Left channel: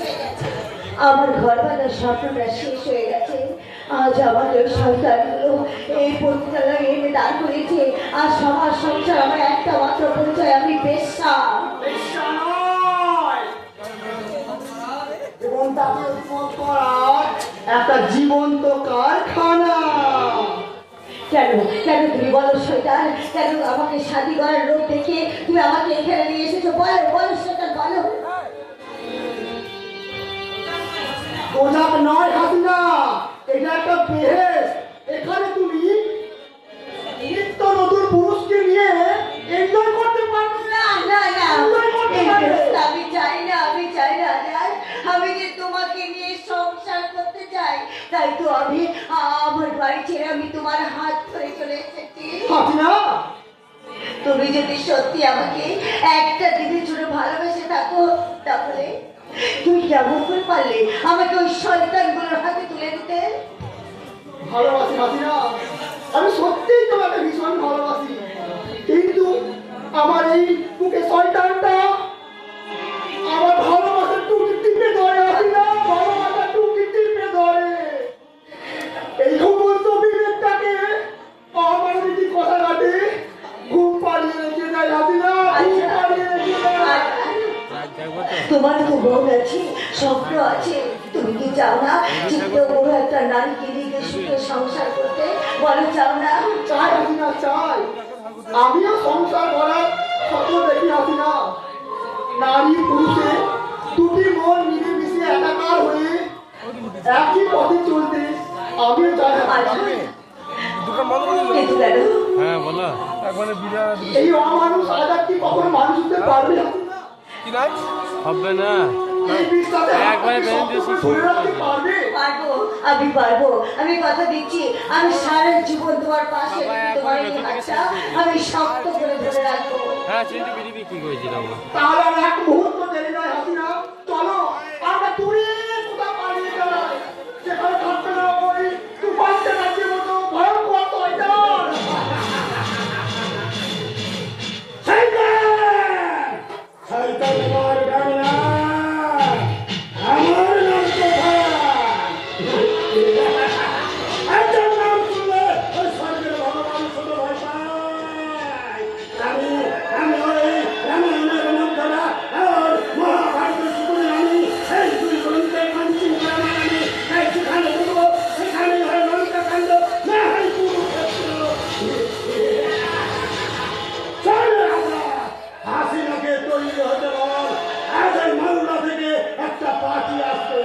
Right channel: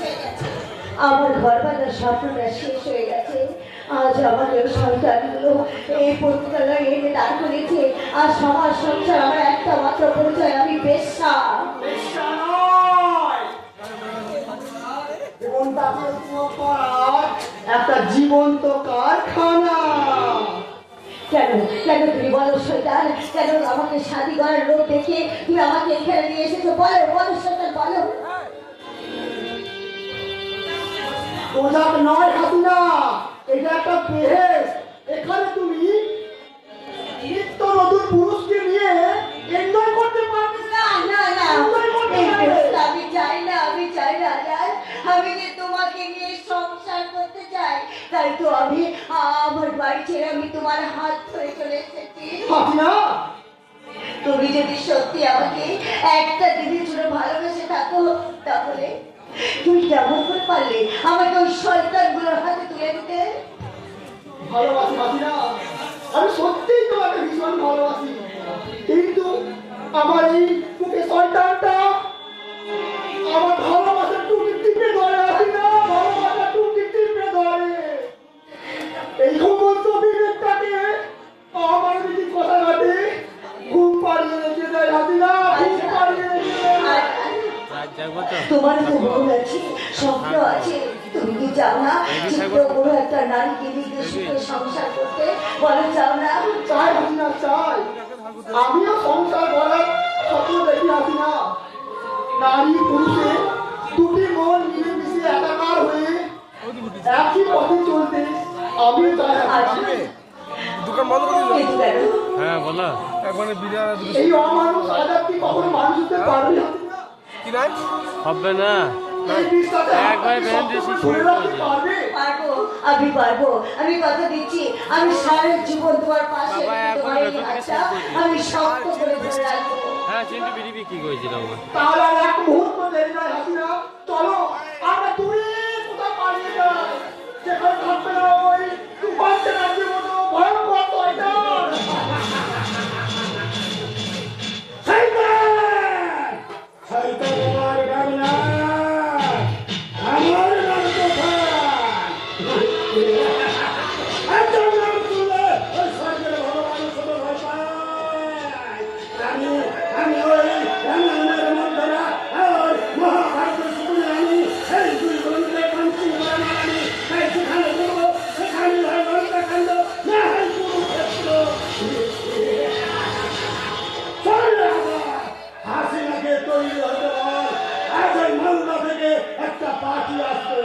হয়ে গেছে, আমার ঘর বাঁধার স্বপ্নটা শেষ হয়ে গেছে। আজ আমাকে সন্তানগুলো এই পতিতালয়ে এনে দাঁড় করেছে। আর সমাজ সংসার আমার একটা মাত্র পরিচয়, আমি বেশ্যা। এবং তাকে করার একটা জীবন্ত কারখানা। কেন কেন তুমি বলো শৈতান, কেন আমাকে শাদি করার লোক দেখে তুমি আমাকে এখানে নিয়ে এসেছো? বলো বলো শৈতান, বলো। ওজাক নয় হাসিনা, এটা একটা বেহেস। এখানে তুমি নিত্য নতুন পুরুষকে নিয়ে এনজয় করতে পারবে না না না, আমি চাই না, আমি চাই না। আমি যে তোমাকে নিয়ে সংসার করতে চাই, তাই তো আমি আমার বাড়ি ছেড়ে আমি তোমার হাত ধরে চলে এসেছি। হাসিনা, তুমি যদি সত্যি আমাকে একটা দিনের জন্য ভালোবেসে থাকো, তাহলে তুমি কেমন করে পারলে আমাকে ওই শয়তানগুলোর হাতে তুলে দিতে? ভালোবাসি হাসিনা, আমি সত্যিই তোমাকে ভীষণ ভালোবাসি, কিন্তু আমার এই বুকে সন্তানটা আমার ভালোবাসার টুকি টিপে ধরে। হাসিনা, ভালোবাসার টুকি টিপে ধরে। এই সমস্ত বিবেকটাকে আমার দিদি কথা কাটে ঘুম পাড়িয়ে রেখে যায়। হাসিনা, ঘুম পাড়িয়ে রেখে যায়। তোমার তো মন আছে, স্বপ্ন আছে, তুমি কি চাও না চিত্ত কোনো একটা নারীকে নিয়ে সুখে সংসার করতে? বলো চাও না? চাই হাসিনা, চাই। আমিও সংসার করার স্বপ্ন দেখি হাসিনা। নারী পুরুষে দুটি মন মিলেমিশে একাকার হয়ে একই পথে চলতে আমিও চাই হাসিনা। কিন্তু কেন? হ্যাঁ বলো। এই অমানুষ আজাদ কি কখনো মানুষ হতে পারবে হাসিনা? হবে না। এই বিশ্বাসে একবারে বেঁধে ধরে রাখতে পারবে? পারবো, আমি পারবো, আমি কথা দিচ্ছি। আমি সারা জীবন তোমার পাশে থেকে তোমার এই হাতটা আমি শক্ত করে ধরে রাখবো। হ্যাঁ চিন্তা বিধি কি করেছিল আমরা। তাহলে আর এক মুহূর্ত দেরি নয় হাসিনা, চলো আমরা দূরে কোথাও পালিয়ে যাই, যেখানে থাকবে না ওই তুফান রাজ্যের মতো ভয়ঙ্কর শয়তান। শয়তান আমার নাম না, আমার নাম তুফান। একজন নাম শুনলে ওই স্বর্গের ভগবান শুধু ভয় পায়। আমি ওই রামায়ণের মন্ত্রণা আর মহাভারতের শুনে আমি এই দুই গ্রন্থের পঞ্চিম রামায়ণ আমি এই যেখানে দেবো সেখানে হয় লঙ্কা কাণ্ড, না হয় কুরুক্ষেত্র। চলে হাসিনাকে তৈরি হতে বল, আজ ওই মালদা থেকে একটা পার্টি আসবে।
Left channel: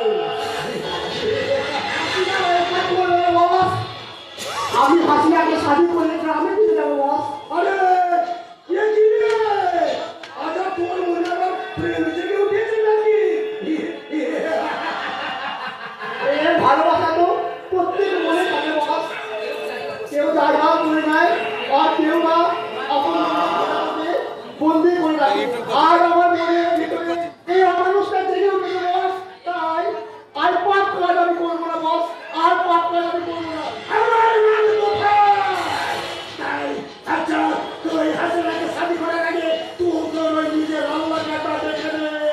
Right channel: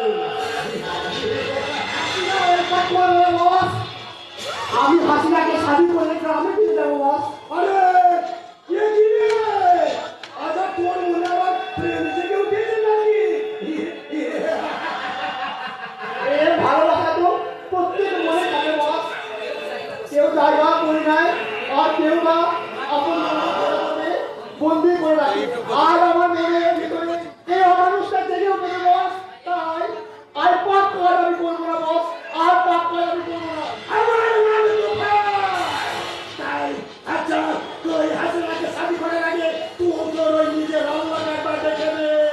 আমি হাসিনাকে শাদি করে গ্রামে নিয়ে যাবো বস। আরে কে চিনে? আজ আর তোমার মনে আবার প্রেম জেগে উঠেছে নাকি? এ ভালোবাসা তো প্রত্যেক মনে থাকে বস। কেউ জায়গা করে নেয় আর কেউ বা আপন বন্দি করে রাখে। আর আমার মনের ভিতরে এই অমানুষটা জেগে উঠেছে বস। তাই আর পাপ কাজ আমি করবো না বস, আর পাপ কাজ আমি করবো না। আমার নাম তুফান। তাই আচ্ছা তুই হাসিনাকে শাদি করে আগে তুই তোর ওই নিজের আল্লাহ কাটা দেখে দে।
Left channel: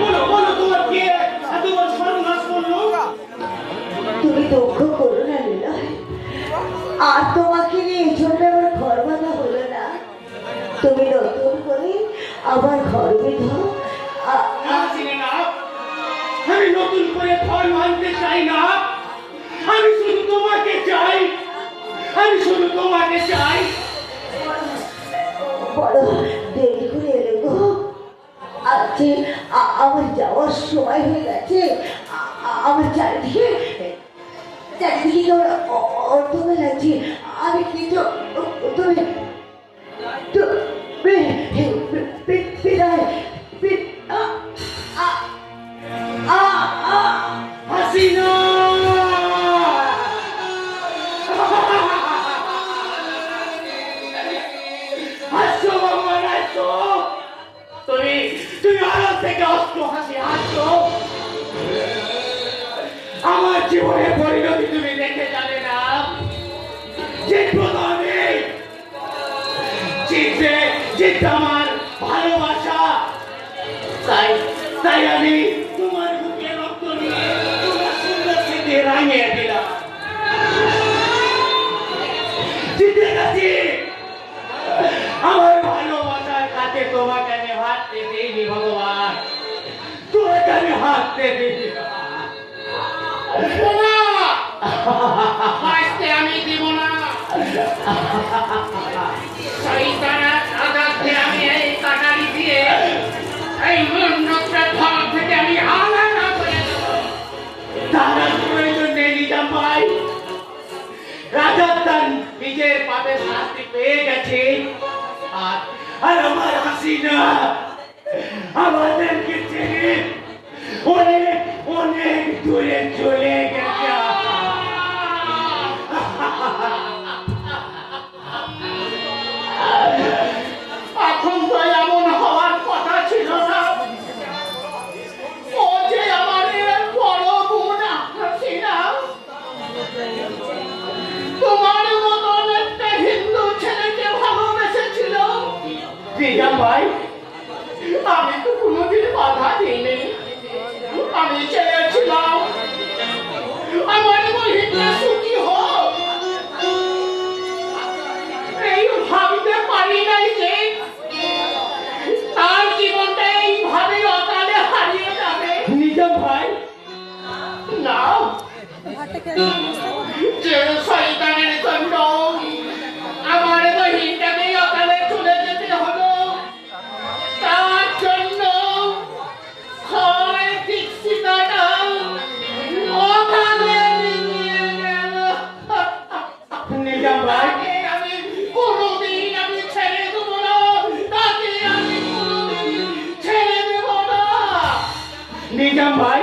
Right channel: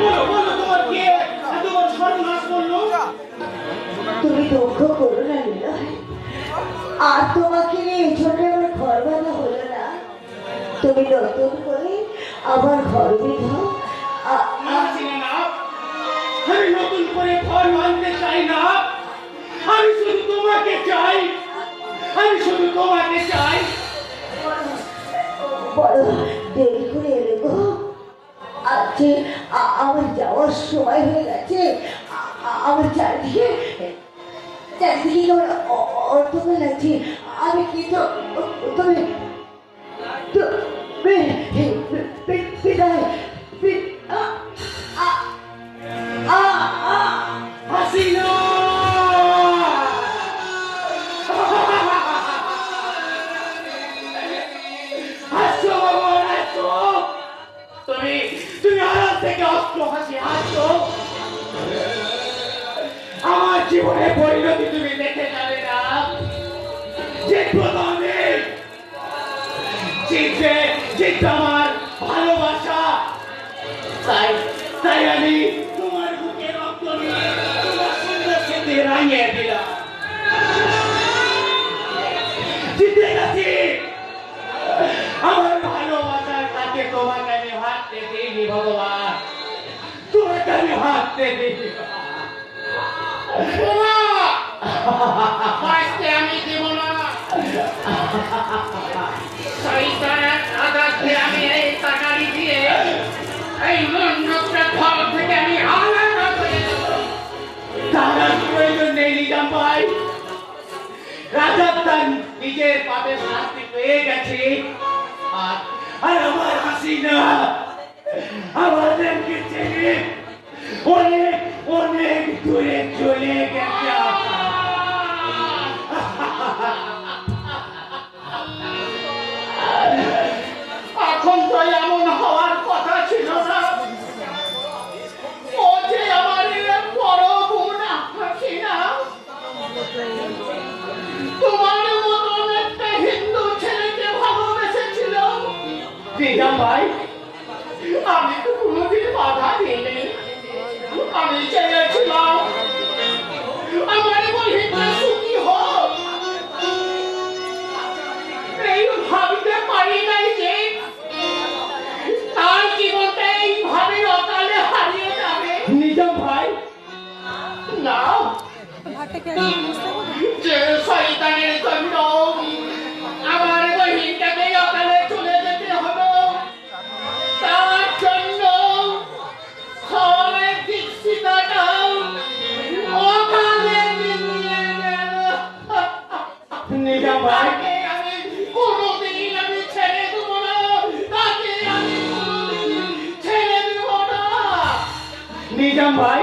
বলো বলো তোমার কে এত বড় সর্বনাশ করলো? তুমি দুঃখ করো না নিলয়, আর তোমাকে নিয়ে এই জন্য আমার ঘর বাঁধা হলো না। তুমি নতুন করে আবার ঘর বেঁধো। আসিনা না, আমি নতুন করে ঘর বাঁধতে চাই না। আমি শুধু তোমাকে চাই, আমি শুধু তোমাকে চাই। বড় দেরি করে এলে গো, আজকে আমার যাওয়ার সময় হয়ে গেছে। আমার চারিদিকে কেমন অর্থময় লাগছে। আমি কিন্তু তুমি বিদায়। হাসিনা হাসছো আমার, হাসছো। তুমি তুমি আড়াল থেকে অস্ত্র হাসি হাসছো। আমার জীবনের পরিণতি তুমি দেখে যাবে না। যে প্রধানে জিতবে, জিতবে আমার ভালোবাসা। তাই তাই আমি তোমার বুকে রক্ত নিয়ে তোমার সুন্দর স্মৃতি রাঙিয়ে দিলাম। জিতে গেছি। আমার ভালোবাসার কাছে তোমাকে আমি হাঁটতে দিইনি ভগবান, তোমাকে আমি হাঁটতে দিইনি। না, বাঁচতে আমি দিব না। শয়তানের আঘাতে আমি এই কাটারি দিয়ে এই মন্ডপটা ঘর থেকে আমি আলাদা করে দেব। তার প্রয়োজন নেই নিজাম ভাই। রাজা তার নিজের পাপে শাস্তি পেয়ে গেছে, আর আর আমার হাসিনা আমাদেরকে ছেড়ে অনেক অনেক দূরে চলে গেছে। এখন তো এমন হওয়ার কথা ছিল না। ও যে আমার বড় বোন হাসিনা, তোমার মতন একটা হিন্দু ছেলেকে ভালোবেসেছিল। নিজাম ভাই, আমি তো কোনোদিন বাধা দিইনি। আমি চেয়েছিলাম আমার বহিনটা সুখী হোক। এই ভাবতে পারি নাই যে তার জীবনটা এইভাবে অকালে হারিয়ে যাবে। নিজাম ভাই, না, যে শয়তানের জন্য আমার বহিনটাকে অকালে চলে যেতে হলো, তার জন্য হয় দীক্ষিতাটা অকালে নিয়ে গেল। নিজাম ভাই, আমি কোনোদিন আমি ছেড়ে দেব না, তাকে আমি কোনোদিন ছেড়ে দেব না। নিজাম ভাই,